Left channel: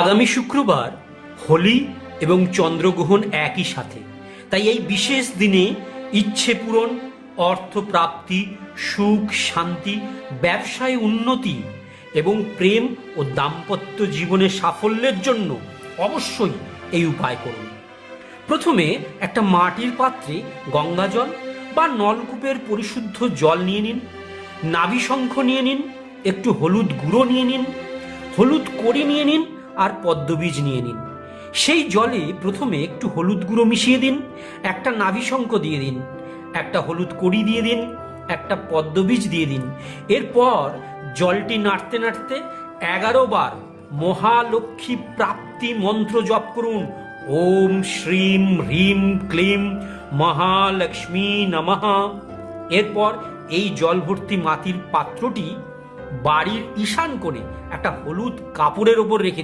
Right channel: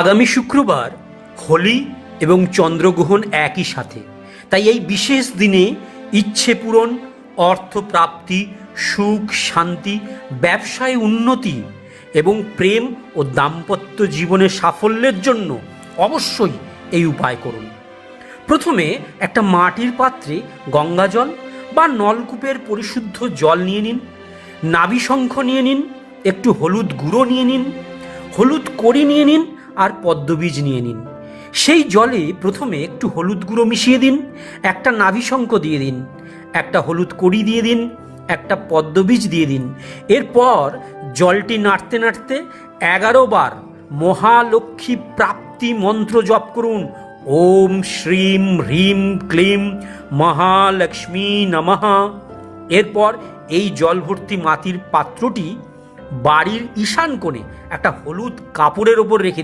আগামী শুক্রবার হোলি এবং চন্দ্রগ্রহণ একই সাথে, তাই এই বিশেষ দিনে ইচ্ছে পূরণ, অর্থপ্রাপ্তি, সুখ শান্তি, ব্যবসায় উন্নতি এবং প্রেম ও দাম্পত্য জীবনের সাফল্যের জন্য অবশ্যই এই উপায় করুন। প্রথমে একটা মাটির পাত্রে গঙ্গাজল বা নলকূপের পরিশুদ্ধ জল নিয়ে নিন, নাভিশঙ্খ নিয়ে নিন, একটু হলুদ গুঁড়ো নিয়ে নিন, হলুদ কড়ি নিয়ে নিন আর পদ্মবীজ নিয়ে নিন। সেই জলে প্রথমে একটু হলুদ গুঁড়ো মিশিয়ে দিন, একটা নাভিশঙ্খ দিয়ে দিন, একটা হলুদ কড়ি দিয়ে দিন, একটা পদ্মবীজ দিয়ে দিন। এরপর জলটি নাড়তে নাড়তে 11 বার মহালক্ষ্মী প্রাপ্তি মন্ত্র জপ করুন। ওম শ্রীম হ্রিম ক্লিম মহালক্ষ্মী নমঃ। এরপর এই জল ভর্তি মাটির পাত্রটি বাড়ির ঈশান কোণে একটা হলুদ কাপড়ের ওপর রেখে দিন।